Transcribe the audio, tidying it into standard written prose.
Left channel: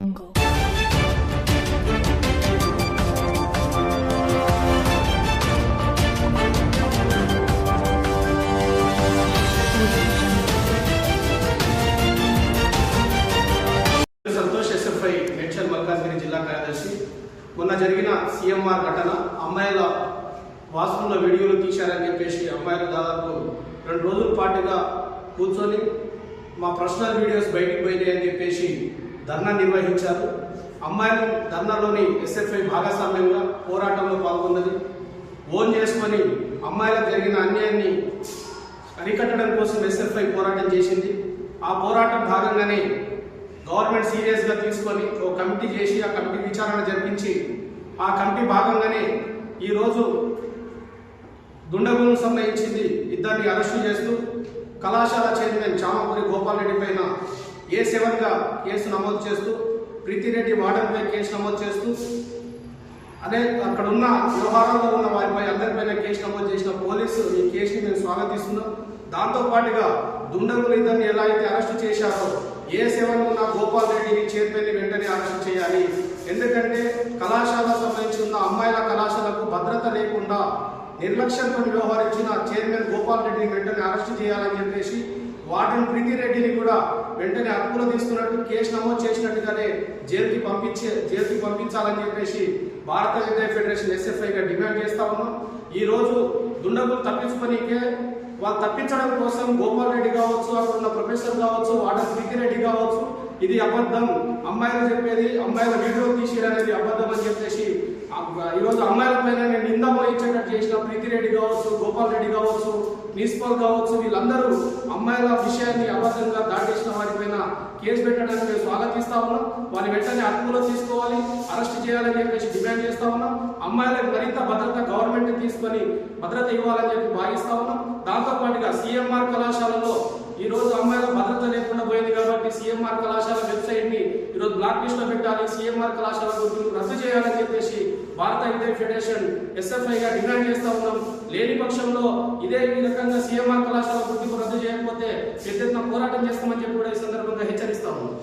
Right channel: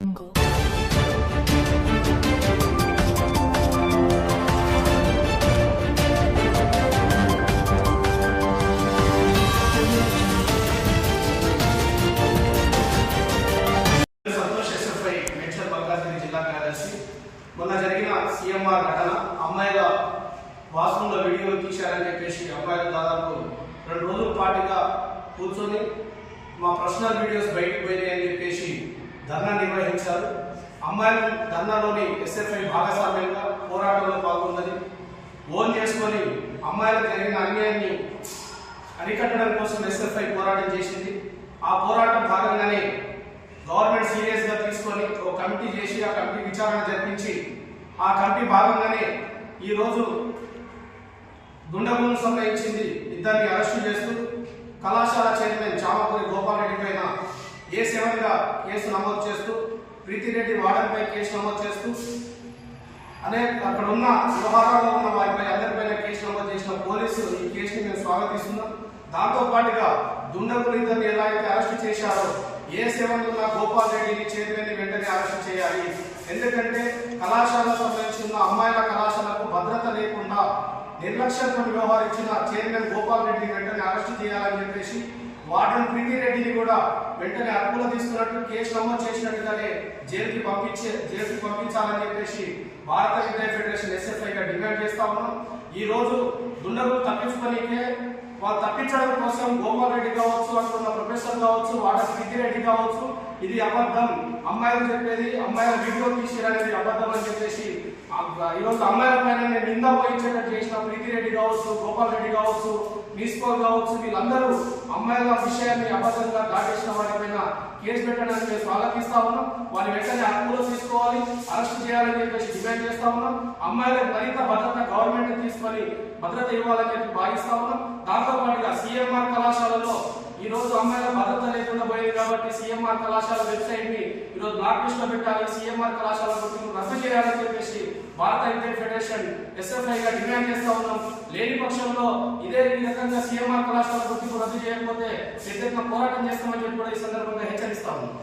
Santosh SFI Medchal Malkajgiri జిల్లా కార్యదర్శి. మొన్న జరిగిన సిఎంఆర్ ఘటన అమ్మాయిల వాష్రూమ్లో వీడియోలు తీశారని చెప్పేసి అమ్మాయిలు దాదాపు 2 రోజుల పాటుగా కూర్చొని మా పర్సనల్ వీడియోస్ బయటికి పోయినాయి అని చెప్పేసి ధర్నా నిర్వహించారు. అమ్మాయిలు ధర్నాలోని ఎస్ఎఫ్ఐ భాగస్వామ్యంగా పోరాటంలో పాల్గొన్నది. ఓన్ చేసుకొని అమ్మాయిలకు జరిగిన అన్యాయాన్ని అరికట్టడం కోసం ఎస్ఎఫ్ఐ పోరాటం చేసింది. ఆ పోరాటం భాగంగానే గవర్నమెంట్ సీరియస్ గా తీసుకొని ఒక కమిటీ చేసి ఆ కమిటీ విచారణ జరిపించి ఆ కమిటీ భాగంగానే ఈరోజు దుండగులను సంబంధించింది ఇద్దరిని అరెస్టు చేస్తూ కళాశాల చైర్మన్ చామకూరి గోపాల్ రెడ్డి పైన A7 గా కేసు నమోదు చేస్తూ ప్రీతిరెడ్డి వార్డన్ పై కేసు నమోదు చేస్తూ అక్కడ ఉన్న వ్యవహారాల్లో ఉన్న వారిపై అందరిపైన కేసు నమోదు చేసిన పోలీసు ఈ కేసుని మేము స్వాగతిస్తున్నాం. దాంతో పాటుగా దుండగులు ఇద్దరిని ఎలా అయితే అరెస్టు చేశారో A7 ఉన్న గోపాల్ రెడ్డిని చైర్మన్ వెంటనే అరెస్టు చేయాలి. ఎందుకంటే కళాశాలకు సంబంధించి ఉన్న అమ్మాయిల కళాశాలకు భద్రత లేకుండా నిర్లక్ష్యంతో వ్యవహరించిన చైర్మన్ గోపాల్ రెడ్డిని వెంటనే అరెస్టు చేయాలని చెప్పేసి వార్డన్ ప్రీతిరెడ్డిని కూడా వెంటనే అదుపులో తీసుకున్నట్టు కేసు నమోదు చేసినట్టుగానే జైలుకి పంపించాలని చెప్పేసి భారత విద్యా ఫెడరేషన్ ఎస్ఎఫ్ఐగా డిమాండ్ చేస్తా ఉన్నాం. ఈ రోజు దుండగులు తప్పించుకోనికే వాళ్ళు తప్పించడం కోసం గోపాల్ రెడ్డి కావచ్చు, అక్కడ ఉన్న ప్రొఫెసర్ కావచ్చు, వార్డన్ ప్రీతిరెడ్డి కావచ్చు, ఇది అబద్ధం, అమ్మాయిలు చెప్పేది అమ్మాయిల వీడియో తీసేయడనేది అబద్ధం అని చెప్పేసి ఈరోజు అమ్మాయిల పైన నేను నింద పోయించేటట్టు చేసిన ప్రీతిరెడ్డి కావచ్చు, గోపాల్ రెడ్డి కావచ్చు, ప్రిన్సిపాల్ కావచ్చు, వీళ్ళందరూ అమ్మాయిల విషయాన్ని అబద్ధంగా దాటేసిన వారిపైన కేసు పెట్టడానికి మేము స్వాగతిస్తా ఉన్నాం. వారిని వెంటనే అదుపులో తీసుకోవాలి, అరెస్ట్ చేయాలని చెప్పేసి డిమాండ్ చేస్తా ఉన్నాం. అమ్మాయిలకు మరింత భద్రత గవర్నమెంట్ తీసుకొని భద్రత ఇవ్వాలని చెప్పి భావిస్తా ఉన్నాం. దాంతో పాటుగా సిఎంఆర్ కళాశాలలో ఈ రోజు అమ్మాయిల భద్రత లేకుండా పోయింది కాబట్టి సిఎంఆర్ కళాశాల వెబ్సైట్ ని ఈరోజు బ్లాక్ లిస్ట్ లో పెట్టాలి, సిఎంఆర్ కళాశాల గుర్తింపు రద్దు చేయాలని చెప్పేసి భారత విద్యా ఫెడరేషన్ ఎస్ఎఫ్ఐ గా డిమాండ్ చేస్తా ఉన్నాం. లేని పక్షంలో ఈ రకంగా సిఎంఆర్ కళాశాల గుర్తింపు రద్దు చేయకపోతే పెద్ద ఎత్తున పోరాటం చేస్తామని చెప్పి కూడా ఈ సందర్భంగా హెచ్చరిస్తా ఉన్నాం.